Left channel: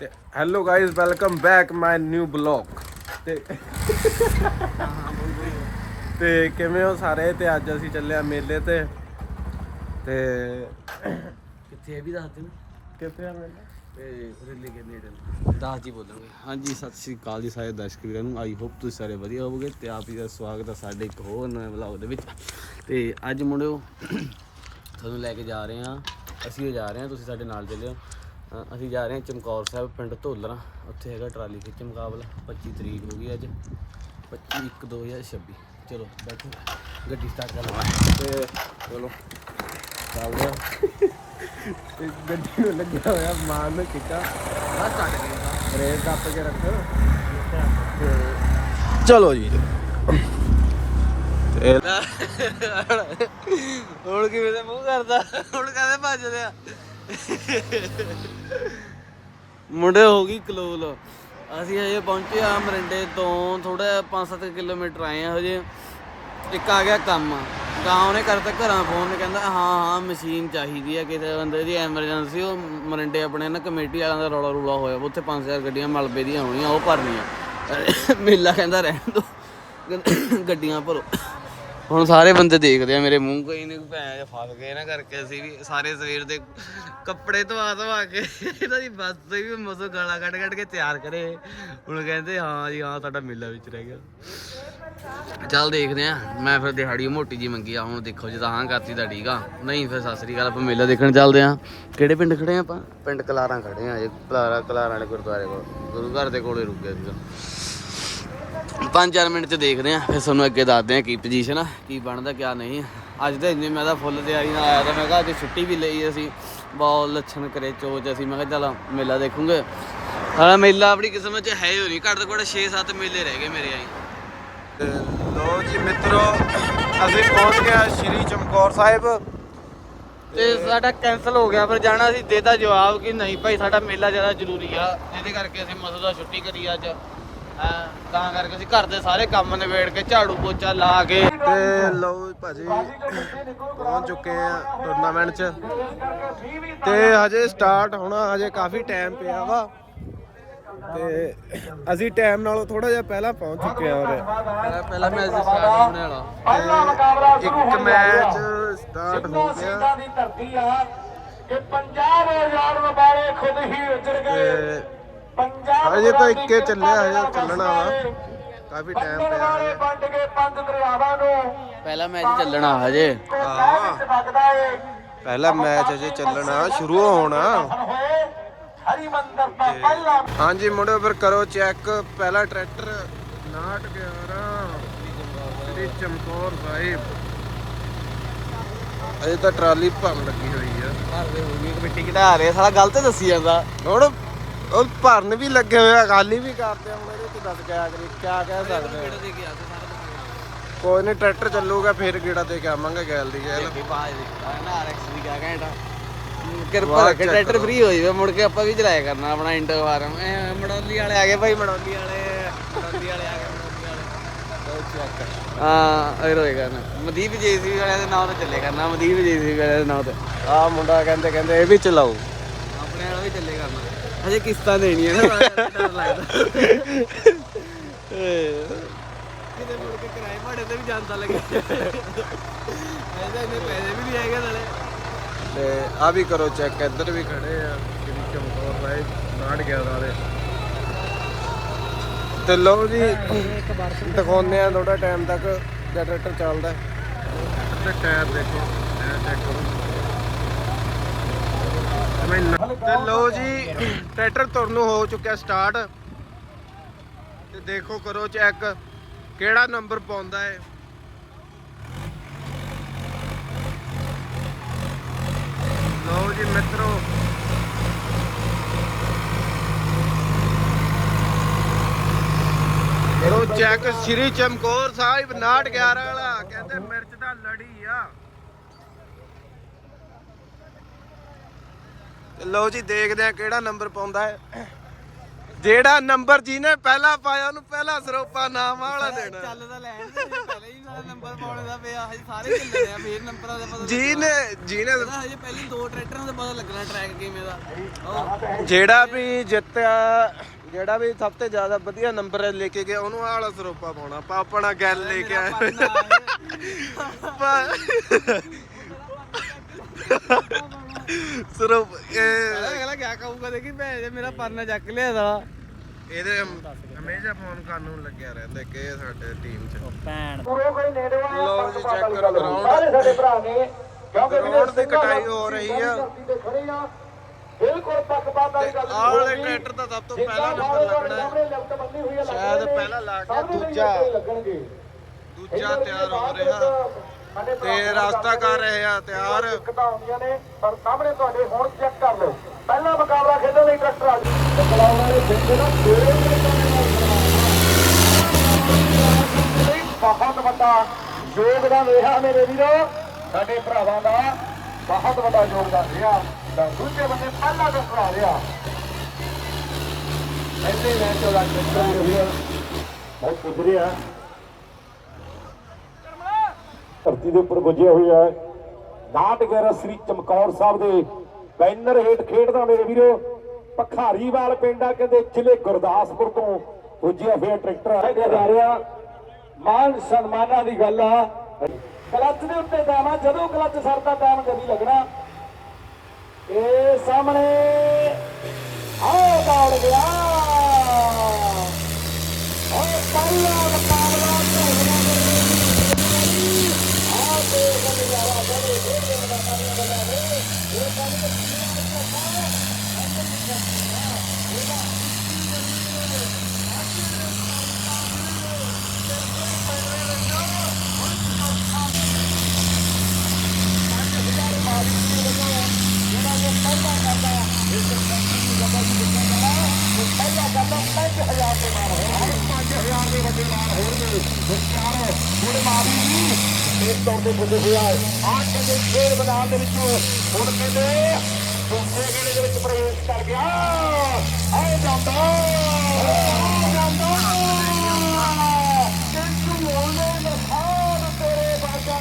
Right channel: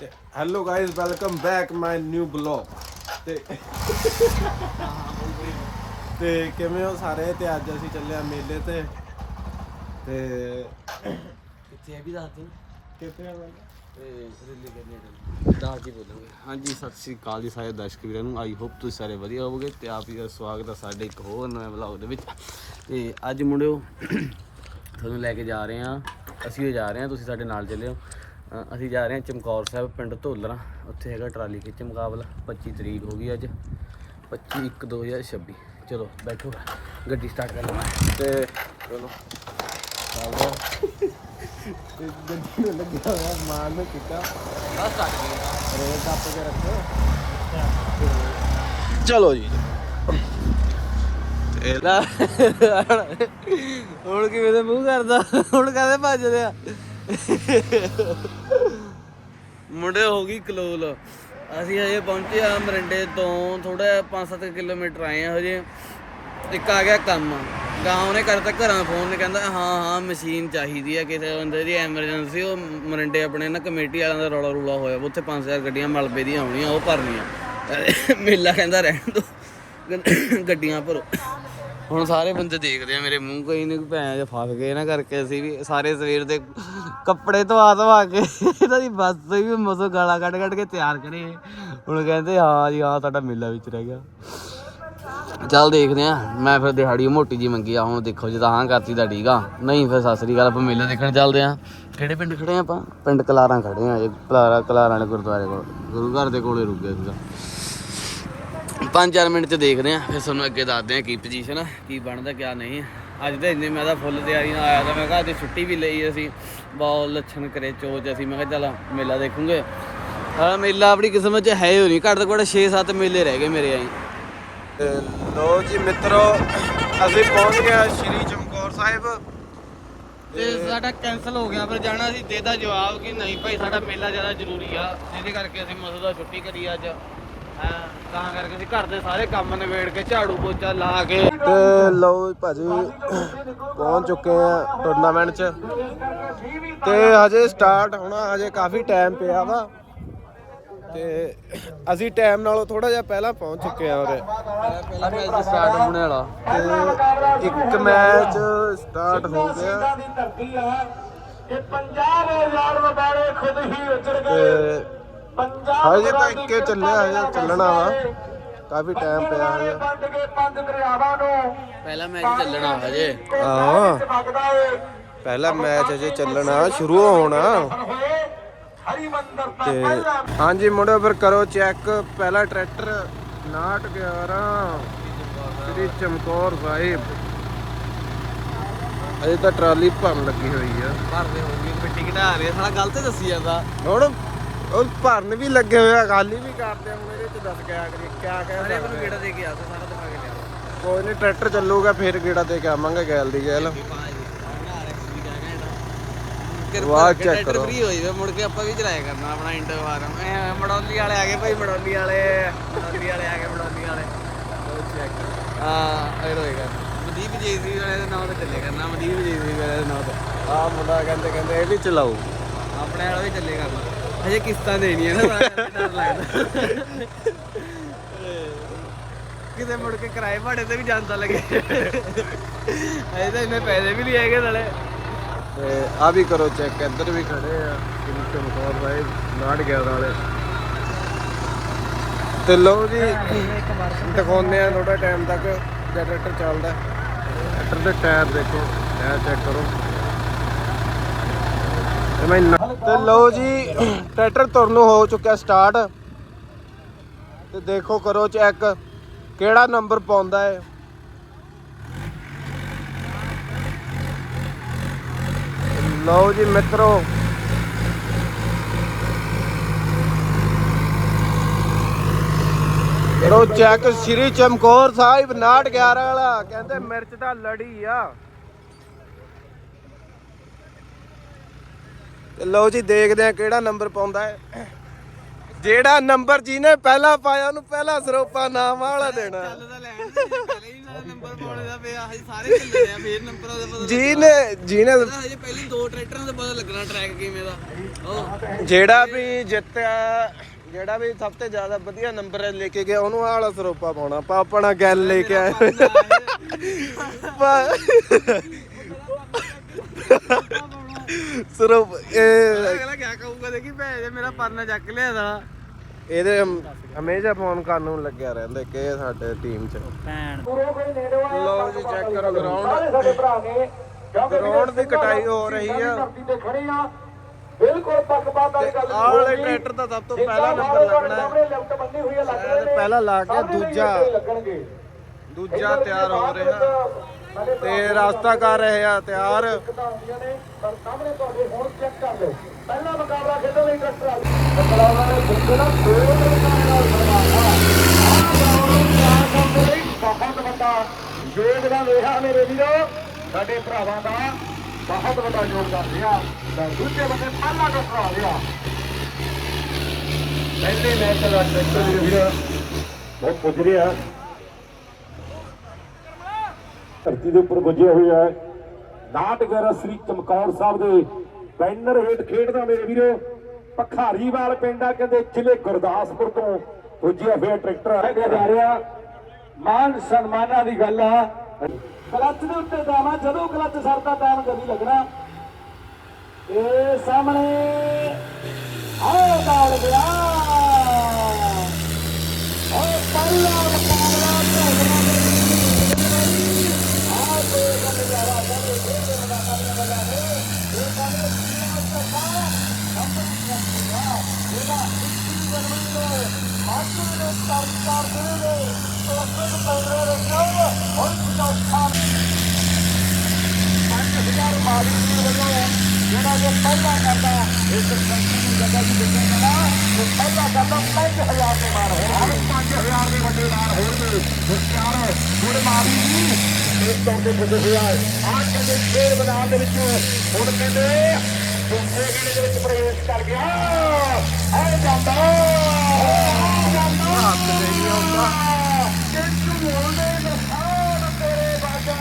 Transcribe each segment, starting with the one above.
ਤੇ hello guys welcome back my new blog ਤੇ ਤੇ ਕਿਵੇਂ ਹੋ ਸਾਰੇ? ਤੇ ਅੱਜ ਅਸੀਂ ਚੱਲੇ ਆ ਮੇਲੇ ਤੇ। ਤੇ ਕਿੱਥੇ ਇਹ ਵੀ ਦੱਸ ਦੇਣਾ ਕਿੱਥੇ ਆ ਮੇਲਾ? ਤੇ ਰਿਲੇ ਕੇ ਨੇੜੇ ਦੱਸ ਜੀ ਬੋਲਾਂਗੇ। ਹਾਂਜੀ ਸਤਿ ਸ੍ਰੀ ਅਕਾਲ ਜੀ ਸਾਰੇ ਦਰਸ਼ਕ ਵੀਰਾਂ ਨੂੰ। ਆਈ ਹੋਪ ਤੁਸੀਂ ਸਾਰੇ ਵਧੀਆ ਹੋਵੋਗੇ ਤੇ ਆਪ ਜੀ ਦਾ ਸਵਾਗਤ ਹੈ ਸਾਡੇ ਇੱਕ ਹੋਰ ਨਵੇਂ ਵਲੌਗ ਦੇ ਵਿੱਚ। ਤੇ ਅੱਜ ਮੁੰਡਿਓ ਤੁਹਾਨੂੰ ਲੈ ਕੇ ਜਾ ਰਹੇ ਹਾਂ। ਅਸੀਂ ਵੀ ਜਾ ਰਹੇ ਹਾਂ ਤੁਸੀਂ ਸਾਡੇ ਨਾਲ ਚੱਲਿਓ ਅਸੀਂ ਜਾ ਰਹੇ ਹਾਂ ਚਮਕੌਰ ਸਾਹਿਬ ਪਿੰਡ ਧੋਲਰਾ। ਉੱਥੇ ਹੈਗਾ ਟਰਾਲੀ ਖਿੱਚ ਮੁਕਾਬਲਾ। 25 ਤਰੀਕ ਹੋ ਗਈ ਅੱਜ। 25 1 2026 ਚਲੋ ਬੈਠੋ। ਗੱਡੀ ਸਟਾਰਟ ਕਰ ਲਵਾਂ। ਤੇ ਚਲੋ ਚੱਲਦੇ ਆ ਤੇ ਗੱਡੀ ਨੂੰ ਲੱਗਿਆ ਹੋਇਆ ਮਾਨ ਨੂੰ ਕਿੱਕਾ ਬਸ ਸਟਾਰਟ ਕੀਤਾ ਰੇਤ ਟੱਪ ਕੇ ਰੱਖੋ। ਚਲੋ ਜੀ। ਤੇ ਹੁਣ ਕਿਵੇਂ ਦੇ ਮੂੰਹ ਕਰਦਾ? ਹੁਣ ਕਾਹਦੇ ਭੱਜਦੇ ਆ ਮੁੰਡੇ ਹੋ ਗਈ ਕਲੋਲ। ਅਸੀਂ ਹਜੇ ਪਹੁੰਚੇ ਆ ਮਰਿੰਡੇ ਤੋਂ ਥੋੜਾ 5-7 ਕਿਲੋਮੀਟਰ ਆਏ ਆ ਹਜੇ। ਇੱਕ ਆ ਗਿਆ ਕੰਮ। ਗਾਉਂ ਨੇ ਕਰਤਾ ਘਰਾਂ ਫੋਨ ਕਹਿੰਦਾ ਹਾਂ ਹਾਂ ਮਸ਼ੀਨ ਚਾਹੀਦੀ ਆ ਕਿਸੇ ਬੰਦੇ ਦੀ ਐਮਰਜੈਂਸੀ ਉਹ ਮਰਿੰਡੇ ਆਪਣੇ ਨਾ ਕਮੇਟੀ ਵਾਲਿਆਂ ਦਾ ਰੌਲਾ ਰੂਲਾ ਹੋਇਆ ਵਾ, ਉੱਥੇ 5000 ਗੱਡੀਆਂ ਮਲਬੇ ਦੀਆਂ ਆਉਣੀਆਂ ਉਹ ਭਰਨੀਆਂ। ਮੇਲਾ ਕਹਿੰਦਾ ਰਹਿਣ ਦੋ। ਗੱਡੀਆਂ ਭਰੋ। ਹੁਣ ਸਾਰੇ ਬੰਦੇ ਦੇਖਦੇ ਆ, ਮੇਰੇ ਮੂੰਹ ਕੋਈ ਨਹੀਂ ਭੈਣ ਜੇ ਫਸ ਗਏ ਨਾ ਕਰਕੇ ਅਸੀਂ ਵੀ ਸਾਰੇ ਸਵੇਰ ਦੇ ਕੱਪੜੇ ਧਵਾ ਧਵਾ ਕੇ ਇਹਨਾਂ ਦੀ ਬੱਸ ਤੇ ਵੀ ਮਸੋ ਗਾਲਾਂ ਕੱਢ ਕੱਢ ਕੇ ਤਿਆਰ ਕਰੇ। ਹੁਣ ਕਹਿੰਦੇ, ਹਾਂ ਜੀ, ਹਾਂ, ਤੁਹਾਡਾ ਮੇਲਾ ਵਿੱਚ ਰਹਿ ਗਿਆ। ਚੱਲ ਦੇਖਦੇ ਆ, ਮੈਂ ਫਿਰ ਦਿਹਾੜੀ ਮੋਟੀ ਜੀ ਮੰਗੀ ਆ, ਹੁਣ ਦੇਖੋ ਜੇ ਤਾਂ ਹਾਂ ਕਰਤੀ ਤਾਂ ਠੀਕ ਆ। ਨਹੀਂ ਫਿਰ ਸਤਿ ਸ੍ਰੀ ਅਕਾਲ, ਆਪਾਂ ਮੇਲਾ ਦੇਖਣ ਚੱਲਦੇ ਆ। ਕਿਹੜੇ ਪਿੰਡ ਖੜੇ ਆ ਆਪਾਂ? ਪਿੰਡ ਕਲਾਰਾਂ ਖੜੇ ਆ, ਇਹ ਕਲਾਰਾ ਕਲਾਰਾਂ ਵਾਲੇ ਗੁਰਦੁਆਰੇ ਕੋਲ, ਗੁਰੂ ਘਰ ਦੇ ਕੋਲੇ ਰੁਕ ਗਿਆ ਸੀਗਾ। ਪੰਜ ਚਾਰ ਮਿੰਟ ਚ ਦੇਖਦੇ ਆ ਫਿਰ ਤੁਹਾਨੂੰ ਅੱਗੇ ਦੱਸਦੇ ਆ ਕੀ ਪੋਜੀਸ਼ਨ ਆ ਕੀ ਬਣਦਾ ਕਿਆ ਨਹੀਂ। ਅੱਜ ਤਾਂ ਇੰਨੇ ਮੈਂ ਤਾਂ ਫੁੱਲ ਤਿਆਰੀ ਨਾਲ ਆਇਆ ਤਾਂ ਮੈਂ ਕਿਹਾ ਅੱਜ ਛੁੱਟੀ ਵੀ ਲਈ ਅਸੀਂ। ਬਹੁਤ ਲੱਛਣ ਕਰੇ ਚੋਜ ਅਸੀਂ। ਮੈਂ ਕਿਹਾ ਚੱਲ ਮੇਲਾ ਦੇਖੂਗੇ। ਹਣਾ ਮੇਲਾ ਆਪਣੀ ਕਿਸਮਤ ਚ ਹੈ ਹੀ ਨਹੀਂ। ਘੱਟ ਤੋਂ ਘੱਟ 6-7 ਮੇਲੇ ਰਹਿ ਗਏ ਮੇਰੇ ਆਈ। ਤੇ ਲੋ ਜੀ ਮਿੱਤਰੋ ਅਸੀਂ ਪਹੁੰਚ ਗਏ ਸ਼੍ਰੀ ਚਮਕੌਰ ਸਾਹਿਬ। ਤੇ ਸਾਡਾ ਕੈਨਸਲ ਹੋ ਗਿਆ। ਪਰ ਜਾਣਾ ਸੀ ਦੇਤਾ ਜਵਾਬ ਕਿ ਨਹੀਂ ਭਾਈ ਸਾਡਾ ਮੇਲਾ ਜ਼ਿਆਦਾ ਜ਼ਰੂਰੀ ਆ। ਜਿਹਦੇ ਕਰਕੇ ਅਸੀਂ ਮਸੂ ਦਾ ਛੁੱਟੀ ਕਰੀ ਅੱਜ। ਤਾਂ ਕਰਕੇ ਅਸੀਂ ਘਰ ਦੇ ਸਾਰੇ ਕੰਮ ਨਿਬੇੜ ਕੇ ਝਾੜੂ ਪੋਚਾ ਲਾ ਕੇ ਤੇ ਲਓ ਭਾਜੀ ਪਹੁੰਚ ਚੁੱਕੇ ਆ ਟੂਰਨਾਮੈਂਟ 'ਚ। ਤੇ ਹਜੇ ਸਟਾਰਟ ਹੋਣਾ ਹਜੇ ਕਾਫੀ ਟਾਈਮ ਪਿਆ ਵਾ। ਤੇ ਅਸੀਂ ਟਾਈਮ ਨਾਲੋਂ ਥੋੜਾ ਜਿਹਾ ਪਹਿਲਾਂ ਪਹੁੰਚ ਚੁੱਕੇ ਆ ਉਰੇ। ਪਹਿਲਾ ਮੈਚ ਸਟਾਰਟ ਹੋਣੇ ਵਾਲਾ। ਤੇ ਇੱਕ ਮੈਚ ਸਟਾਰਟ ਹੋ ਗਿਆ। ਦੀ ਧਰਤੀ ਆ। ਕਿ 50000 ਵਪਾਰੇ ਖੁਦ ਹੀ ਉਜੜ ਗਏ। ਪੰਜਾਬ ਹਜੇ ਤਾਂ ਇੱਕੇ ਚੱਲਿਆ ਹਜੇ ਚੱਲਣਾ ਵਾ। ਕਾਫੀ ਟਾਈਮ ਪਿਆ ਹਜੇ। ਵੰਡ ਕੇ ਪੰਜ ਦਰਿਆਵਾਂ ਨੂੰ ਪਹਿਲਾ ਮੈਚ ਚੱਲਣਾ ਹਜੇ। ਹਾਂ ਪਹਿਲਾ ਮੈਚ ਚੱਲਣਾ ਸ਼ੁਰੂ ਹੋਣਾ। ਤੇ ਪਹਿਲਾ ਹਾਂਜੀ ਮੁੰਡਿਓ ਫਿਰ ਕਰੋ ਚੈੱਕ ਪਹਿਲਾ ਟਰੈਕਟਰ 911 ਸ੍ਰੀ ਚਮਕੌਰ ਸਾਹਿਬ। ਅਜੇ ਤਾਂ ਟਰਾਲੀ ਭਰਨ ਲੱਗੀ ਹੋਈ ਆ। ਘਰ ਦੇ ਘਟਾ ਰਹੇ ਸਾਲਾ ਗਲਤ ਦੱਸੀ ਜਾਂਦਾ। ਹੁਣ? ਉਹ ਭਰਨ ਵੀ ਲੱਗੇ ਹੋਏ ਗਾਲੀ ਵੀ ਕਰਦੇ ਹੁਣ ਇਹਦੇ ਚ ਦੱਸ ਕਿਆ ਕਰੀ ਕਿਆ ਕਹਿ ਸਕਦੇ ਮੈਨੂੰ। ਗੇੜਾ ਦੇ ਕੇ ਆ ਤੂੰ ਸਾਰਾ ਦਿਖਾ ਕੇ ਲਿਆ। ਕੋਈ ਨਹੀਂ ਟਰੈਕਟਰ ਚੱਲੂਗਾ ਫਿਰ ਗੇੜਾ ਦੇ ਕੇ ਆਵਾਂਗੇ ਗੈਲ ਦੀ ਗੈਲ। ਕੀ ਵੀ ਵਾਹ, ਟਰੈਕਟਰ ਕਰੋ। ਫ੍ਰੀ ਹੋ ਜਾਵੇ ਮੁੜ ਕੇ ਆਪਾਂ ਵੀ ਚਲਾਇਆ ਕਰਨਾ ਆਪਣਾ ਇੰਟਰ ਫਾਰਮ ਮੜੌਲੀ ਵਾਲੇ ਆ ਗਏ ਭਾਈ ਮੜੌਲੀ ਵਾਲੇ ਮੜੌਲੀ ਵਾਲੇ ਆ ਗਏ ਮੜੌਲੀ ਵਾਲੇ। ਬਹੁਤ ਚੈੱਕ ਹਾਂ ਇਹ ਹੋਏਗਾ ਨਾ ਮਦੀਪ ਜੇਸੀ ਵਾਲੇ ਦੇ ਨਾਮ ਤੇ ਚੱਲੇ ਕਰਨਾ ਮਦੀਪ ਜੇਸੀ ਵਾਲੇ ਦੇ ਨਾਮ ਤੇ। ਆ ਮੁੰਡਾ ਕਹਿੰਦੇ ਕਹਿੰਦੇ ਇਹ ਵੀ ਚਲਾਓ ਆਪਣੇ ਵਾਲਾ ਵੀ ਚੱਲੇ ਕਰਨਾ। ਹਜੇ ਕਿਸ਼ਤਾਂ ਦੇਣੀ ਹੈ ਨਾ ਡਰ ਲੱਗਦਾ। ਕਿਤੇ ਮੁੜ ਕੇ ਕਿਰਾਏ ਭਾੜੇ ਤੇ ਵੀ ਜਾਂਦਾ ਲੱਗੇ। ਅਜੇ ਤਾਂ ਇੰਨੇ ਪੈਸੇ ਵੀ ਨਹੀਂ ਹੈਗੇ ਨਾਲੇ। ਤੇ ਆ ਵੀ ਕਰੋ ਚੈੱਕ ਇੱਧਰ ਵੀ ਖੜੇ ਆ ਸ੍ਰੀ ਚਮਕੌਰ ਸਾਹਿਬ ਨਾੜ ਗਿਆ ਵਾਲੇ ਤੇ ਲਓ ਜੀ ਦਿਖਾਉਂਦੇ ਆ ਥੋੜਾ ਟਾਈਮ ਤੱਕ ਜਦ ਟਰੈਕਟਰ ਚੱਲਦਾ। ਟਰੈਕਟਰ ਦੇ ਟਾਇਰ ਦੇਖੋ ਟਾਇਰ ਚੈੱਕ ਕਰੋ। ਮੈਂ ਤੇ ਲਓ ਜੀ, ਟਰੈਕਟਰ ਤੁਰਨ ਹੋ ਚੁੱਕਿਆ ਸਟਾਰਟ ਤੇ ਦੇਖੋ ਕਰੋ ਚੈੱਕ ਕਿਹੜਾ ਨੰਬਰ ਪਾਉਂਦਾ ਹੈ ਲਓ ਜੀ ਮਿੱਤਰੋ। ਕਰੋ ਚੈੱਕ ਸ੍ਰੀ ਚਮਕੌਰ ਸਾਹਿਬ 911 ਵਾਲਾ, ਕਹਿੰਦੇ ਮਿਰਚ ਦਾ ਲੜੀ ਆ। ਤੇ ਲਓ ਜੀ ਦੇਖਦੇ ਆ ਕਿਹੜਾ ਨੰਬਰ ਪਾਉਂਦਾ ਹੈ। ਜਿਹੜਾ ਨੰਬਰ ਜਿਹਨੇ ਪਹਿਲਾ ਪਾਇਆ ਉਹਨੂੰ ਪਹਿਲਾ ਸਰੋਪਾ ਨਾਮ ਵਾਲਾ ਦੇਣਾ। ਚੱਲ ਤਾਂ ਲੈਣ ਦੇ ਜੇ ਪਹਿਲੇ ਹੀ ਨਾਲ ਨੰਬਰ ਪਾਉਣੇ ਦਾ ਪਿਆ ਹਜੇ ਸਾਰੇ ਚੱਲੇ ਆ ਫੇਰ ਨੰਬਰਾਂ ਦਾ ਪਤਾ ਜਿਹਨੇ ਜਿਹਨੇ ਲੱਗਣਾ। ਹਜੇ ਪਹਿਲੀ ਦੋ ਟਰੈਕਟਰਾਂ ਦਾ ਪਤਾ ਲੱਗਣਾ ਟਰੈਕ ਕਿਵੇਂ ਦਾ। ਉਹ ਜਿਹੜਾ ਵੀ ਜਿੱਤਿਆ ਜਿਹੜਾ ਵੀ ਸਭ ਤੋਂ ਜ਼ਿਆਦਾ ਵਧੀਆ ਨੰਬਰ ਲੈ ਕੇ ਗਿਆ ਉਹਨੂੰ ਆਹ ਵਾਲਾ ਸਰੋਪਾ ਪਾਉਣਾ। ਆਪਾਂ ਆਪਣਾ ਗੱਲ ਲੈ ਕੇ ਆਏ। ਹੋਏ। ਪਾ- ਸਰੋਪ ਇਹ ਅਗਲਾ ਕਿਆ ਕਹੂਗਾ ਦੇਖੀ ਭੈ ਜੇ ਮੇਰਾ ਪਰਨਾ ਚੱਕ ਲਿਆ ਦਾ ਇਹਦੇ ਹਮੇਸ਼ਾ ਫੋਨ ਕਰਨ ਨੂੰ ਲੱਗਿਆ ਰਹਿੰਦਾ ਕਿ ਇਹ ਸਾਡੇ ਟੀਮ 'ਚ। ਵਾਲਾ ਲਓ ਜੀ ਚੈੱਕ ਕਰੋ ਗਰਾਊਂਡ ਗਰਾਊਂਡ ਦੀ ਕਟਾਈ ਹੋ ਰਹੀ ਆ। ਤੇ ਆਹ ਵਾਲੇ ਟਰੈਕਟਰ ਦਾ ਸਭ ਤੋਂ ਪਹਿਲਾ ਨੰਬਰ ਲੱਗਣਾ ਹੈ। ਸ਼ਾਇਦ ਪਹਿਲਾ ਲਾ ਕੇ ਦੂਜਾ ਦੂਜਾ ਤਿਆਰ ਹੋ ਰਿਹਾ। ਤੇ ਰਸਤਾ ਕਰ ਰਹੇ ਆ, ਤਿਆਰ। ਪਰ ਸਾਹਮਣੇ ਤੁਹਾਡੇ ਹੁਣ ਚੈੱਕ ਕਰ ਲਓ ਪਹਿਲਾ ਮੁਕਾਬਲਾ ਖੇਡਣ ਲਈ ਟਰੈਕਟਰ ਆ ਬਹੁਤ ਵੱਡਾ ਯੋਗਦਾਨ ਰਿਹਾ ਮੇਰੇ ਵੀਰੇ ਸਾਡੇ ਭਰਾਵਾਂ ਦਾ ਬਹੁਤ ਵੱਡਾ ਯੋਗਦਾਨ ਰਿਹਾ ਤਾਂ ਦੂਜੇ ਬੰਦੇ ਪਹਿਲਾ ਟਰੈਕਟਰ ਆ ਰਿਹਾ ਪਹਿਲੇ ਮੈਚ ਦਾ ਟਰੈਕਟਰ ਵੀਰੇ ਬਹੁਤ ਪੁੱਜ ਰਿਹਾ ਧਰਤੀ ਦੇ ਉੱਪਰ ਗੁੱਜਿਆ ਹੋਇਆ ਹੈ। ਨਾਟ ਗਿਆਰਾ ਸ੍ਰੀ ਚਮਕੌਰ ਸਾਹਿਬ ਦੇ ਬੈਨਰ ਹੇਠ ਖੇਡਦਾ ਮੇਰੇ ਵੀਰੋ। ਪਖਾਰੀਵਾਲ ਪਿੰਡਾ ਕਹਿੰਦੇ ਜ਼ਿਲ੍ਹੇ ਗੁਰਦਾਸਪੁਰ ਤੋਂ ਪੁੱਜਿਆ ਹੋਇਆ ਟਰੈਕਟਰ ਹੈ ਜਾ ਰਿਹਾ। ਮਾਨ ਸਨਮਾਨਾਂ ਦੀ ਗੱਲ ਆ। ਕਲੱਚ ਦੇ ਉੱਤੇ ਜਾਣਾ ਜਦੋਂ ਕਲੱਚ ਸਰਦਾ ਟਾਈਮ ਕਦੀ ਲੱਗਣਾ। ਇਹ ਸਾਹਮਣੇ ਆਓ, ਦੌੜ ਗਿਆ। ਇਸ ਤੌਰ ਤੇ ਪੁੱਜੇ ਹੋਇਆ ਹੈ ਆਹ ਕਹਿੰਦੇ ਖੇਡ ਮੈਦਾਨ ਦੇ ਵਿੱਚੋਂ ਹੁਣ ਕਹਿੰਦੇ ਦੂਸਰੇ ਗੇੜੇ ਦੇ ਵਿੱਚ ਪ੍ਰਵੇਸ਼ ਕਰ ਗਿਆ ਆਏ ਜਾਂਦਾ ਆਏ ਜਾਂਦਾ ਕਿੰਨੂ ਹੋਵੇ ਨਸਾਨ ਤੇਰੇ ਬਾਜਾ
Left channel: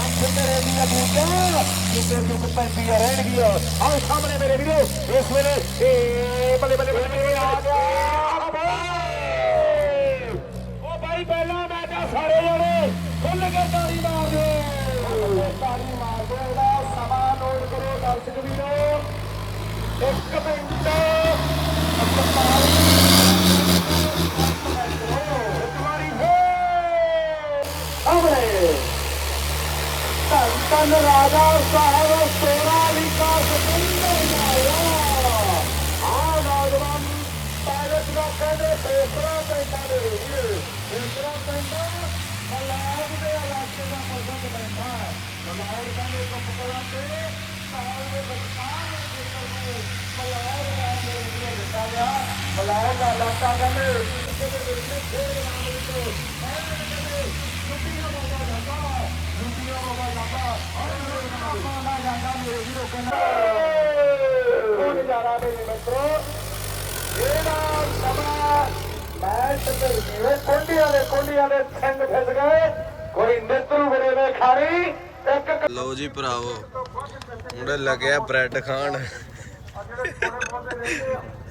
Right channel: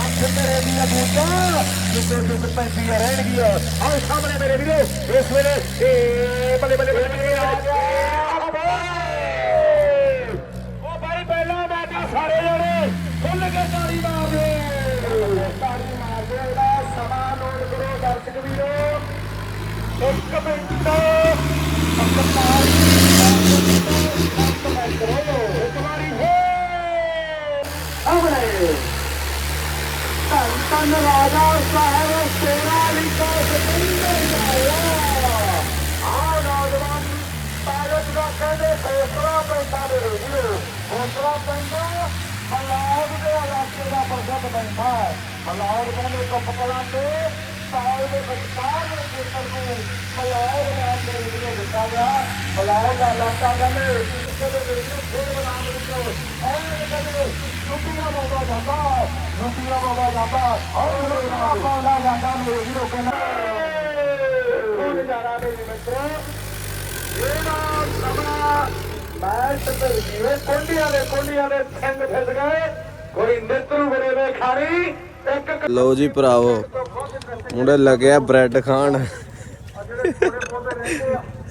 ਅੱਖ ਤੇਰੇ ਦੀਆਂ ਬੂਟਾਂ ਜਿੱਤੇ ਦੁੱਖ ਪੈਂਦੀਆਂ ਰਹਿਣਗੀਆਂ ਆਓ ਸਾਹਮਣੇ ਮੇਰੇ ਵੀਰੋ ਇਸ ਵੇਲੇ ਏ ਇਲਾਕੇ ਦਾ ਪ੍ਰਗਟ ਪੈਂਦਾ ਹੈ ਮਲਾਬ ਕਹਿੰਦੇ ਕੱਪ ਕਲਾਂ ਤੇ ਸਾਲ ਦੇ ਵਿਚਕਾਰ ਦੇ ਖੇਤਰ ਨੂੰ ਮਲਾਬ ਦਾ ਮੇਰੇ ਵੀਰੇ ਦਿੱਤਾ ਗਿਆ ਮਲਾਬ ਦਾ ਇਲਾਕਾ ਕਹਿੰਦੇ ਕਿਤੇ ਦੇ ਵਿੱਚ ਫੇਰ ਨਾਮ ਦੇ ਵਿੱਚ ਐਵੇਂ ਕਹਿੰਦੇ ਰੁਪਈਆ ਬਾਬਾ ਮਿੱਤਰੋ ਤੇ ਇੱਕ ਲਓ ਜੀ ਭਰਾਵੋ ਮੁੰਡੇ ਲੱਗਿਆ ਬ੍ਰੈਡ ਖਾਣ।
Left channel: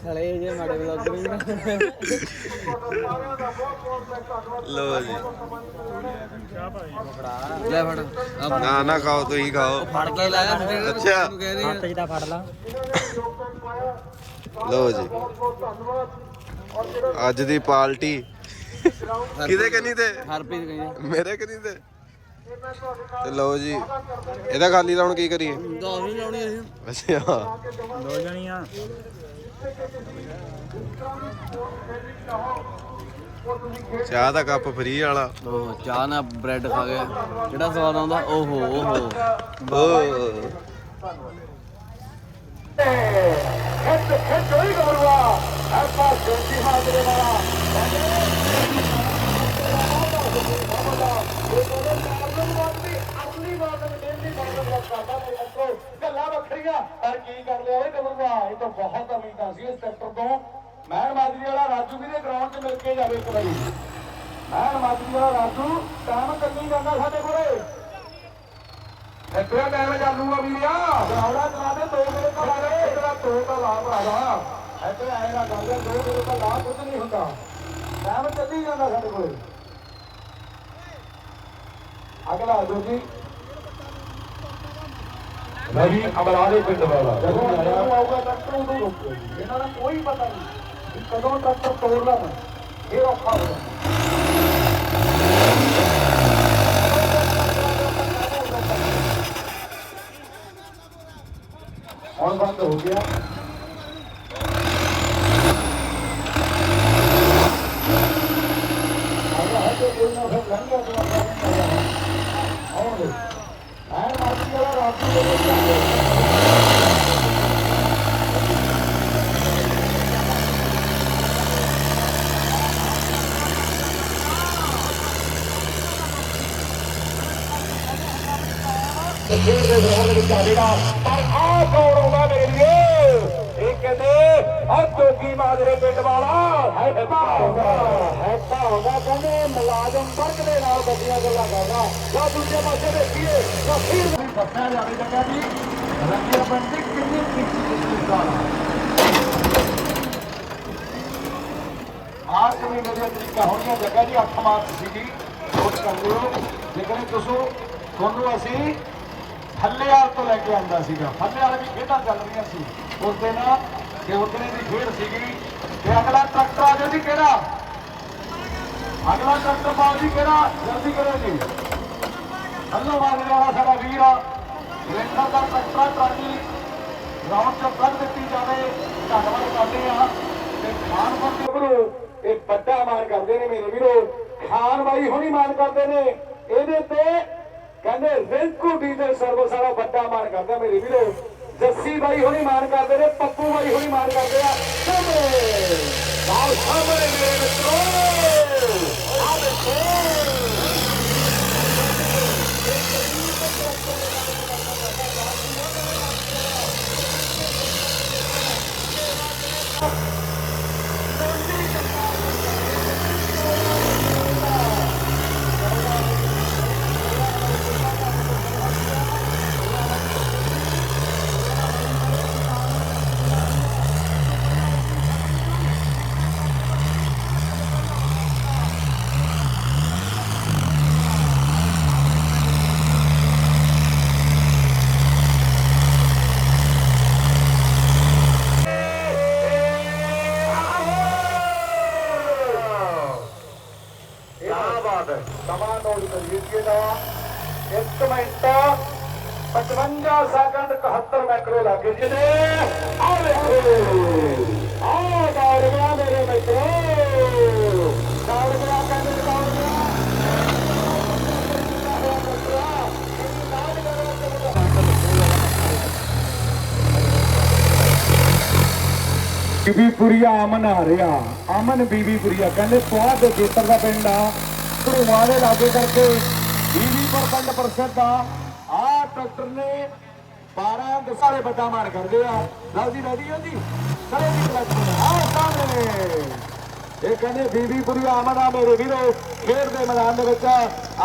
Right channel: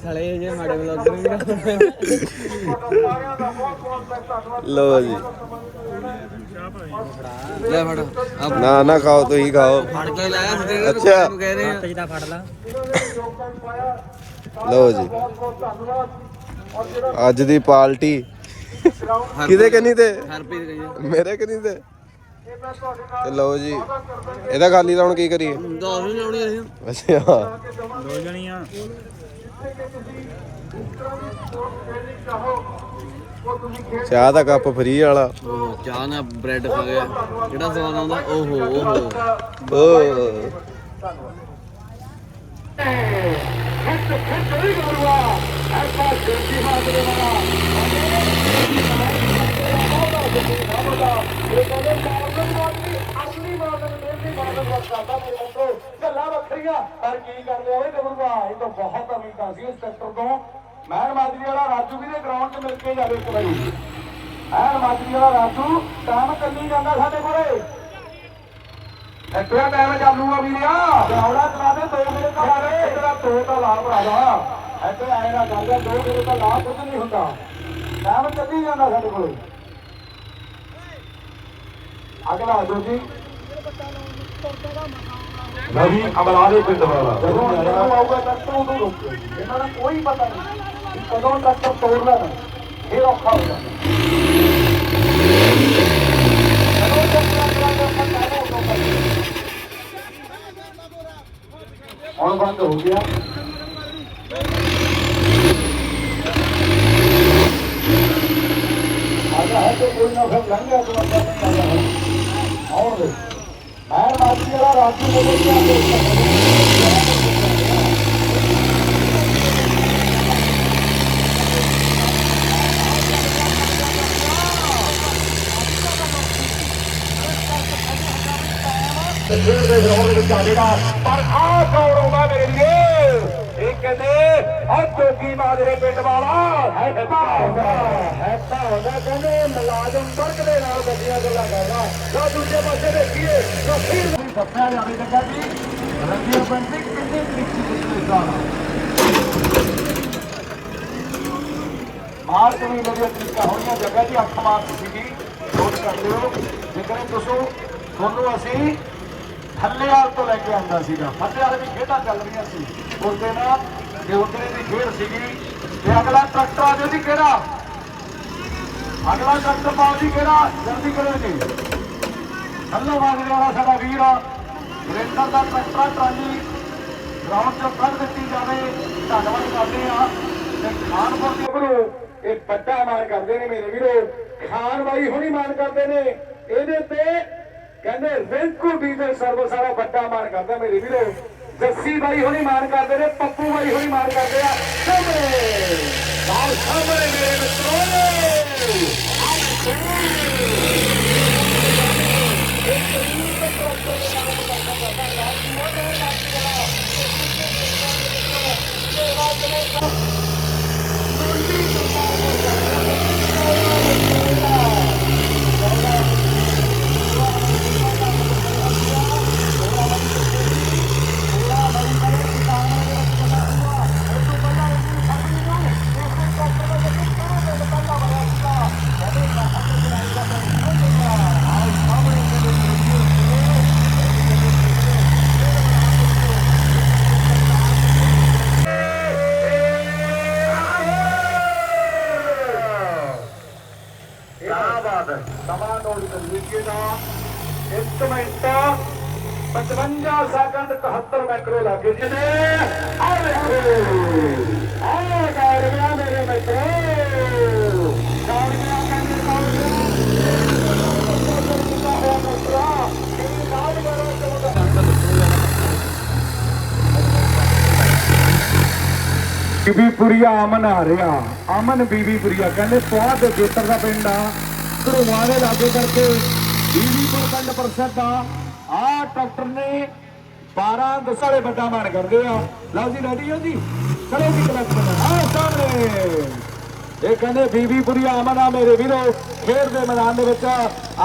ਸਾਲੇ ਇਹ ਜੇ ਮਾੜੇ ਲੈ ਫੜ। ਨਾ ਨਾ ਖਾਓ ਤੁਸੀਂ ਖਾਓ। ਫੜ ਕੇ ਲਾਇਆ ਅੱਛਾ। ਨੂੰ ਕਹਿ ਰਹੇ ਫੜ ਲਾ। ਲਓ ਜੀ। ਅੱਜ ਦੀ ਪਾਰਟੀ ਕਿਹਦੇ ਕਨੀ ਤੇ? ਹਰਪ੍ਰੀਤ ਮੇਰੇ ਕਨੀ ਤੇ? ਤੇ ਲਓ ਜੀ ਇਹਦਾ ਖਾਲੀ ਲਾਉਣ ਕੀ ਕਰੀਏ? ਦੋ ਵੀ ਲਾਉਣੀ ਅਸੀਂ। ਅੱਛਾ। ਦੋ ਜਣੀਆਂ। ਚਾਹ ਦਾ ਕੱਪ ਫ੍ਰੀ ਵਾਲਾ। ਉਹ ਚਾਹ ਨਾਲ ਬ੍ਰੈਡ ਖਾ ਗਿਆ। ਜਿਹੜਾ ਸਵਾਦ ਆਉਂਦਾ ਓਹੋ ਓਹੋ। ਓ ਖਿੱਚ ਖਿੱਚ ਨਹੀਂ ਘਬਰਵਾ ਐਸਾ ਜੋਤੀ ਹਾਜ਼ਰੇ ਵਾਲਾ ਪਰ ਕੀ ਕਰਦੇ ਓਏ ਕਬੂਗਾ ਇਹ ਤਾਂ ਬਹੁਤ ਉਮੀਦਾਂ ਸੀ ਇਸ ਸੈਕਟਰ ਤੋਂ। ਮੈਂ ਮਾਜਰੀ ਵਾਲਾ ਰਾਜੂ ਵੀ ਦੇ ਗਰਾਊਂਡ 'ਚ ਮਿਲ ਕੇ ਜਾਵੇ ਇੱਕ ਵਾਰੀ। ਮੈਂ ਮਾਜਰੀ ਵਾਲਾ ਰਾਜੂ ਕੰਮ ਕਰੀ ਜਾਂਦਾ ਸਾਡੇ ਕੋਲੇ। ਇੱਥੇ ਟਾਈਮ ਚੱਲੂਗਾ ਵੀਰਿਆ ਜੌੜਾ ਚਲਾ ਦੇ ਦੋ ਮਿੰਟ ਦਾ ਲਾ ਇਹਦਾ ਦੋ ਦਾ ਲਾਭ ਭਰਾਵਾ ਇੱਥੇ ਆਏਗਾ ਗੱਲ ਦੋ ਮਿੰਟ ਦਾ ਲਾਭ ਕੁਝ ਨਹੀਂ ਹੁੰਦਾ। ਕੰਮ ਚੱਲੀ ਜਾਂਦਾ ਸਾਡੇ ਕੋਲੇ। ਅਗਲਾ ਜੀ। ਨਵੀਂ ਅਮਰਾਲੇ ਪਿੰਡ ਵਾਲਾ। ਜਦੋਂ ਇਹ ਆਊਗਾ ਡਾਕਟਰ ਉਹਨੂੰ ਰੋਕੋ ਇਹਨਾਂ ਨੂੰ ਕੋਈ ਪਤਾ ਨਹੀਂ ਕਿ ਕਦੋਂ ਤੱਕ ਤੋੜਨਾ ਹੈ ਇਹ ਔਖਾ ਹੁੰਦਾ ਹੁਣ ਬੰਦ ਹੋ ਗਿਆ ਆਹ ਹੈ ਕਿ ਕੋਈ ਨਾ ਫਿਰ ਲੰਘ ਗਿਆ ਤਾਂ ਆਉਂਦੇ ਮੈਂ ਮਾਜੀ ਵਾਲਾ ਰਾਤੀ ਬੋਲ ਖੇਡ ਦੇ ਗਰਾਊਂਡ ਵਿੱਚ ਆਵੇਗਾ ਪਰ ਆਹ ਕੌਣ ਆਉਂਦਾ ਮੇਰੇ ਲਈ ਇਹ ਕਹਿੰਦੇ ਆ ਜੋਗੀ ਮਾਜਰੇ ਪਿੰਡ ਵਾਲਾ ਹੈ ਭਾਉਂਦਾ ਹੈ ਭਾਉਂਦਾ ਕਹਿੰਦੇ ਮੁਲਾਜ਼ਮ ਵਰਗ ਦੇ ਨਾਲ ਗੱਡੀਆਂ ਗੱਲਾਂ ਕਰਦਾ ਉਹ ਦੂਜੇ ਪਾਸੇ ਦੇਖੀਏ ਤਾਂ ਫਿਰ ਸੱਚਾ ਲੱਗੇ ਜਗਾ ਜੀ ਲੱਗਿਆ ਪਿੰਡ ਦੇ ਕਿੰਨੇ ਤਰੀਕੇ ਦਾ ਮਾਰ ਕੋਈ ਮੇਰੇ ਜਗਾ ਜੀ ਅਪਮਾਨ ਸੀਗੀ ਤੋਂ ਲੈ ਕੇ ਆਉਂਦਾ ਸੀਗਾ। ਥੱਲੇ ਵੀ ਖੇਡਾਂ ਚੱਲਦੀਆਂ ਸੀ। ਉਹਦੇ ਨਾਲ ਤੇ ਦੀ ਖੇਡ ਸੀਗੀ। ਤੇ ਅਗਲਾ ਟਰੈਕਟਰ ਆ ਜਾਵੇ ਕਿਹੜਾ? ਅਗਲਾ ਟਰੈਕਟਰ ਬਾਅਦ ਹੀ ਕਿਹੜਾ? ਜਲਦੀ ਕਰੇ ਜੀ। ਹੱਲੋ ਬੰਦ ਕਰਨਾ ਸਾਡਾ ਵੀਰ। ਲੇਟਰ ਦਾ ਟਰੈਕਟਰ, ਟਰਾਲੀ। ਰਾਮ ਚੱਕਰ ਦਿੱਤੀ ਜਾਵੇ। ਧੰਨਵਾਦ ਕਰਦੇ ਆ ਤੇ ਖਾਸ ਤੋਂ ਇਹ ਵੱਡਾ ਮਾਨ ਕਰਦੇ ਨੇ ਮੇਰੇ ਵੀਰੋ। ਖਾਨ ਬਾਈ ਹੁਣੀ ਮਾਨ ਕਰਦੇ ਨੇ। ਇਹਦੇ ਤੇ ਕਹਿੰਦੇ ਰਿੰਕੂ ਡੀਜ਼ਲ ਸਰਵਿਸ ਵਾਲਾ ਵੱਡਾ ਮਾਨ ਕਰਦਾ ਮੇਰੇ ਵੀਰੋ। ਜੱਸੀ ਬਾਈ ਹੁਣੀ ਮਾਨ ਕਰਦੇ ਨੇ, ਪੱਪੂ ਬਾਈ ਹੁਣੀ ਮਾਨ ਕਰਦੇ ਆ। ਸਾਹਮਣੇ ਆਓ ਸਾਹਮਣੇ ਮੇਰੇ ਮਿੱਤਰੋ ਕੀ ਬਾਤ ਹੈ ਸਮਾਂ ਨੋਟ ਕਰੀਏ ਜੀ ਨਾ 1 ਮਿੰਟ 55 ਸੈਕਿੰਡ 71 ਮਾਈਕਰੋ ਲੱਗੇ ਜੀ ਨੇ ਆ ਵੇਖੋ ਆਹ ਦੌੜ ਗਿਆ ਮੇਰੇ ਮਿੱਤਰੋ ਦੌੜ ਗਿਆ ਕਹਿੰਦੇ ਦੌੜ ਬੀਬੀਪੁਰੀਆ ਅਮਨ ਆ ਰਿਹਾ। ਅਮਨ ਬੀਬੀਪੁਰੀਆ ਕਹਿੰਦੇ ਸਵਾਦ ਦੇ ਖੇਤਰ ਦਾ ਪਿੰਡ ਆ। ਧਰੂਆਂ ਦੇ ਲਾਗੇ ਕਰਕੇ 20% ਆ ਆ ਡਾਕਟਰ ਨੇ 12 ਦਸ ਵੱਡਾ ਮਾਰ ਕਰਦੇ ਆ ਲਓ ਜੀ ਰੈਡੀ ਹੋ ਜੀ? ਕਰੋ ਜੀ ਕਲੈਕਸ਼ਨ ਆ ਸਾਹਮਣੇ। ਇਹ ਕਹਿੰਦੇ ਬੀਬੀਪੁਰੀਆ ਅਮਨ ਆ ਮੇਰੇ ਵੀਰੇ। ਖੇਡ ਦੇ ਮੈਦਾਨ ਦੇ ਵਿੱਚ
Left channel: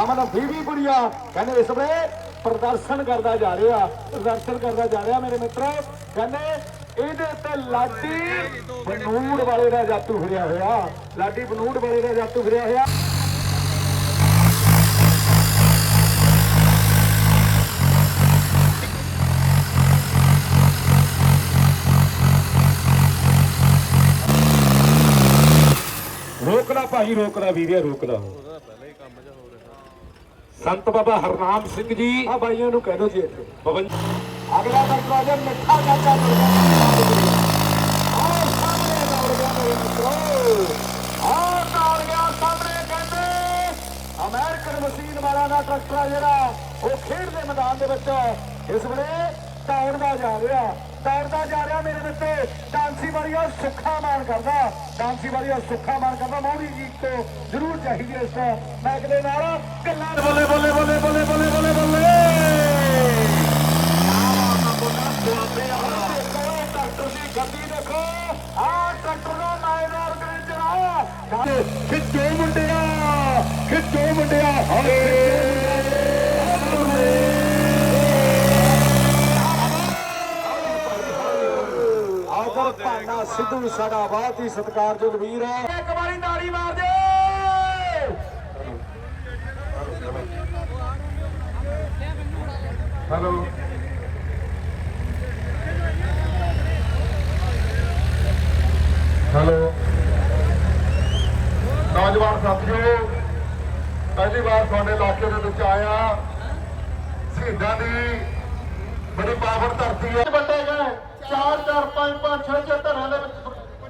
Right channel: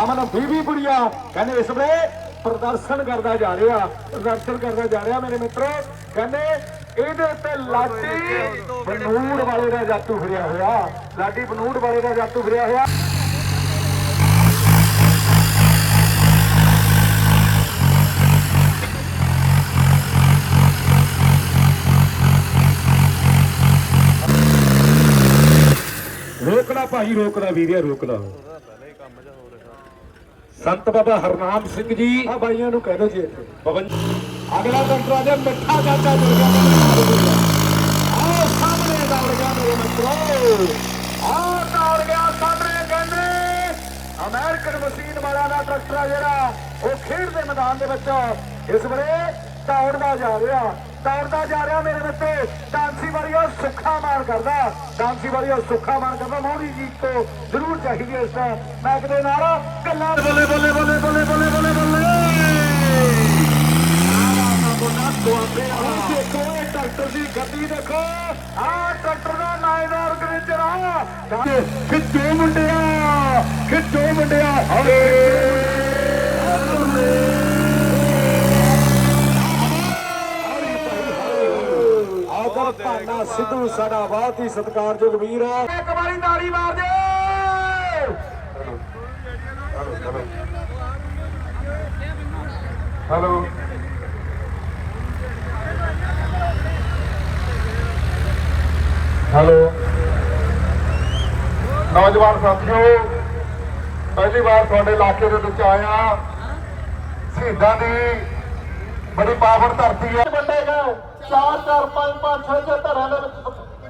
ਅਮਨ ਬੀਬੀ ਬੀਬੀਪੁਰੀਆ ਕਹਿੰਦੇ ਇਸ ਵੇਲੇ ਪ੍ਰਦਰਸ਼ਨ ਕਰਦਾ ਜਾ ਰਿਹਾ। ਪ੍ਰਦਰਸ਼ਨ ਕਰਦਾ ਜਾ ਰਿਹਾ ਮੇਰੇ ਮਿੱਤਰੋ। ਕਹਿੰਦੇ ਇਹਦੇ ਉੱਤੇ ਲਾਡੀ ਬਨੂੜ ਵਾਲੇ ਦਾ ਜਾਤੂ ਫਿਰਿਆ ਹੋਇਆ। ਲਾਡੀ ਬਨੂੜ ਵਾਲੇ ਦਾ ਜਾਤੂ ਫਿਰਿਆ ਹੋਇਆ। ਰੋਕ ਲਾ ਭਾਈ ਰੋਕ ਲਾ ਵੀਰਿਆ ਰੋਕ ਲਾ ਸੰਤ ਬਾਬਾ ਹਰਨਾਮ ਸਿੰਘ ਜੀ ਆ ਬਾਈਆਂ ਨੂੰ ਕਹਿ ਦੋ ਜੀ ਇੱਥੇ। ਬਾਬਾ ਜੀ ਅਗਲਾ ਡਾਕਟਰ ਆ ਮਿੱਠਾ ਚਾਚਾ ਮੁਰਗਾ ਆਹ ਸਾਹਮਣੇ ਦਾ ਮੇਰੇ ਮਿੱਤਰੋ। ਆਹ ਕਾਲ ਗਿਆ ਸਾਹਮਣੇ ਕਹਿੰਦੇ, ਅਮਰੀਕਨ ਮਸ਼ੀਨ ਵਾਲਾ ਦਾ ਟਰੈਕਟਰ ਜਿਹੜਾ, ਉਹ ਖੇਡ ਦੇ ਮੈਦਾਨ ਦੇ ਵਿੱਚ ਇਸ ਵੇਲੇ ਦੌੜਦਾ ਜਾ ਰਿਹਾ। ਦੌੜਦਾ ਜਾ ਰਿਹਾ ਮੇਰੇ ਬੱਚੇ ਡਾਂਸੀ ਵਾਲੀ ਉਹ ਸੁੱਖਾ ਮਾਨ ਕਰਦਾ। ਡਾਂਸੀ ਵਾਲੀ ਉਹ ਸੁੱਖਾ ਮਾਨ ਕਰਦਾ। ਮੋਦੀ ਜੀ ਤੋਂ ਜ਼ਰੂਰ ਚਾਹੀਦੀ ਇਸ ਮੈਚ ਦੇ ਨਾਲ ਗੱਲਾਂ ਬੱਲੇ ਬੱਲੇ ਬੱਲੇ ਬੱਲੇ ਬੱਲੇ ਬੱਲੇ ਬੱਲੇ ਆਵਾ ਮਾ ਬੋਨਾ ਤੁਹਾਡੇ ਆ ਦੇਖੋ ਇਹ ਟਰੈਕਟਰ ਦੀ ਗੱਡੀ ਦੇਖੋ ਆ ਟਰੈਕਟਰ ਦਾ ਨਾਇਦਾਰ ਗ੍ਰਿੰਜਰ ਆ ਖਿੱਚੋ ਮੁੰਡਿਆ ਖਿੱਚੋ ਮੁੰਡਿਆ ਹਾਏ ਆਦਰ ਭਾਨਾ ਸਿੱਧੂ ਸਾਡਾ ਬਹੁਤ ਹੀ ਸਤਿਕਾਰਯੋਗ ਵੀਰ ਹੈ। ਇੱਕ ਵਾਰੀ ਤਾੜੀ ਮਾਰ ਦਿਓ। ਹੈਲੋ। ਹੈਲੋ। ਨੌਜਵਾਨ ਸਾਥੀਓ ਪਹਿਲੀ ਵਾਰ ਤੁਹਾਡੇ ਇਲਾਕੇ ਦੇ ਵਿੱਚ ਆਇਆ ਸ਼ਹੀਦਾਂ ਦੀ ਬੜੀ ਪਾਵਰ ਧਰਤੀ ਹੈ। ਵੰਡੇ ਗਏ। ਚਾਰ ਚਾਰ ਪੰਜ ਪੰਜ ਛੇ ਛੇ ਧਰਾਂ ਦੇ ਵਿੱਚ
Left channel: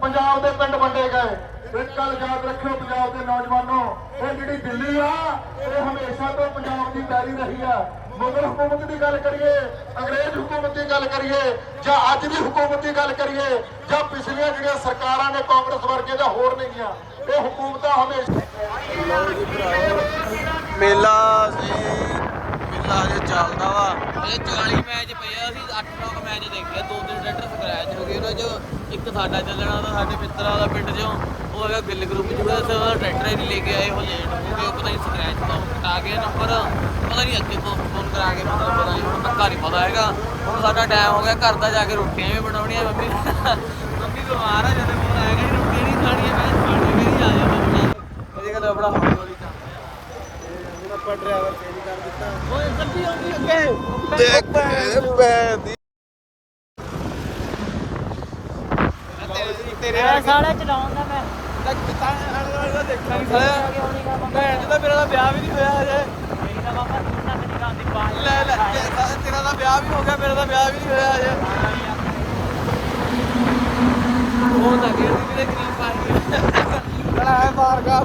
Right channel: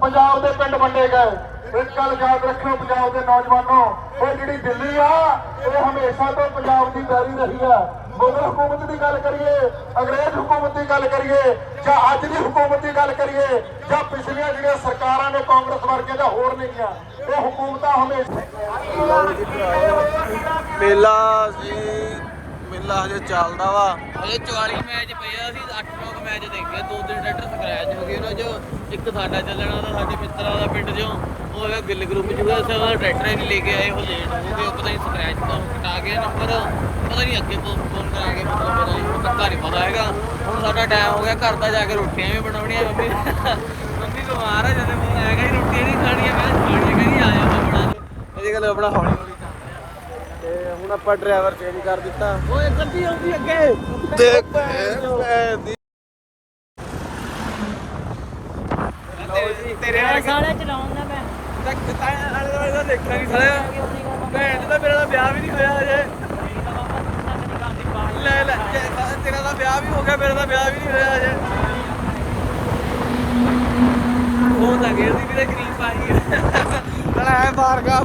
ਪੰਜਾਬ ਦੇ ਪਿੰਡ ਵੰਡੇ ਗਏ। ਇੱਕ ਗੱਲ ਯਾਦ ਰੱਖਿਓ ਪੰਜਾਬ ਦੇ ਨੌਜਵਾਨੋ, ਇਹ ਜਿਹੜੀ ਦਿੱਲੀ ਆ, ਇਹ ਹਮੇਸ਼ਾ ਤੋਂ ਪੰਜਾਬ ਦੀ ਬੈਰੀ ਰਹੀ ਆ। ਮੁਗਲ ਹਕੂਮਤ ਦੀ ਗੱਲ ਕਰੀਏ, ਅੰਗਰੇਜ਼ ਹਕੂਮਤ ਦੀ ਗੱਲ ਕਰੀਏ, ਜਾਂ ਅੱਜ ਦੀ ਹਕੂਮਤ ਦੀ ਗੱਲ ਕਰੀਏ, ਜਾਂ ਪਿਛਲੀਆਂ ਜਿਹੜੀਆਂ ਸਰਕਾਰਾਂ ਨੇ ਕਾਂਗਰਸ ਵਰਗੀਆਂ ਜਾਂ ਹੋਰ ਨੇਗੀਆਂ ਇਹ ਹਕੂਮਤਾਂ ਹਮੇਸ਼ਾ ਮੇਲਾ ਜੀ ਮੇਲਾ ਹਜੇ ਚੱਲਦਾ ਵਾ। ਇਹ 40 ਮੈਚ ਪਏ ਆ, ਅਸੀਂ 8-9 ਮੈਚ ਦੇਖਿਆ ਦੋ ਤਿੰਨ ਟਰੈਕਟਰ ਸਕ੍ਰੈਚ ਹੋ ਗਏ ਉਹਨਾਂ ਚੋਂ ਇੱਕ ਸਾਡਾ ਚੱਲਣਾ ਤਾਂ ਸਾਡੇ ਮਿੱਤਰਾਂ ਦਾ ਪਿੰਡ ਚੋਂ, ਉਹ ਹੈਗਾ ਗਿੱਲ ਗਰੁੱਪ ਚ ਵੀ ਅਸੀਂ ਟਰੈਕਟਰ ਹੀ ਨਹੀਂ ਲੈ ਕੇ ਆਏ, ਉਹ ਲੇਟ ਹੋ ਗਏ ਤੇ ਉਹ ਪਤਾ ਨਹੀਂ ਸਕ੍ਰੈਚ ਤੋਂ ਕਟਾ ਗਿਆ ਨੰਬਰ ਪਤਾ ਨਹੀਂ ਅੱਗੇ ਤੋਂ ਫੋਨ ਕਰਾ ਕੇ ਮਤਲਬ ਪਤਾ ਨਹੀਂ, ਹੁਣ ਪੱਕਾ ਨਹੀਂ ਪਤਾ ਹੈਗਾ। ਹੁਣ ਸਾਡਾ ਟਾਈਮ ਹੋ ਗਿਆ, ਘਰ ਦਾ ਜਾ ਕੇ ਰੋਟੀਆਂ ਵੀ ਬਣਾਉਣੀਆਂ ਮੰਮੀ। ਮੰਮੀ ਤੋਂ ਆ ਰਿਹਾ ਜਦੋਂ ਫੋਨ ਆਏਗਾ ਰੋਟੀਆਂ ਨਹੀਂ ਖਾਣੀਆਂ ਮੈਂ ਖਾਣੀਆਂ ਨਹੀਂ ਆ ਜਾਣਾ ਇਹ ਗੱਲ ਆਪਣਾ ਹੌਲੀ ਹੌਲੀ ਕਰ ਤੇ ਹੁਣ ਆਪਾਂ ਡਰਾਈਵਰ ਚੇਂਜ ਕਰ ਦਿੱਤਾ। ਓਏ ਗੱਡੀ ਆਉਂਦੀ ਅੱਗੇ। ਦੇਖ ਇਹ ਦੀ। ਲਓ ਜੀ। ਤੇਰੇ ਵਾਲੇ ਸਾਲੇ ਚਲਾਉਂਦਾ ਮੈਂ। ਦੇਖਿਆ ਨਹੀਂ ਸਾਲਿਆ। ਭੈਣ ਦਾ ਮੇਰਾ ਤਾਂ ਵਿਆਹ ਵੀ ਨਹੀਂ ਹੋਇਆ ਹਜੇ। ਲੈ ਲੈ ਜੇ ਤੇਰਾ ਤਾਂ ਵਿਆਹ ਵੀ ਹੋ ਗਿਆ ਮੇਰਾ ਤਾਂ ਵਿਆਹ ਵੀ ਨਹੀਂ ਹੋਇਆ ਹਜੇ। ਉਹ ਤਾਂ ਗੇਰ ਦੀ ਕਿਤੇ ਕਰੀਮ ਪਾ ਗਈ ਬੜਾ ਹੈ ਬਾਹਰ ਕਾ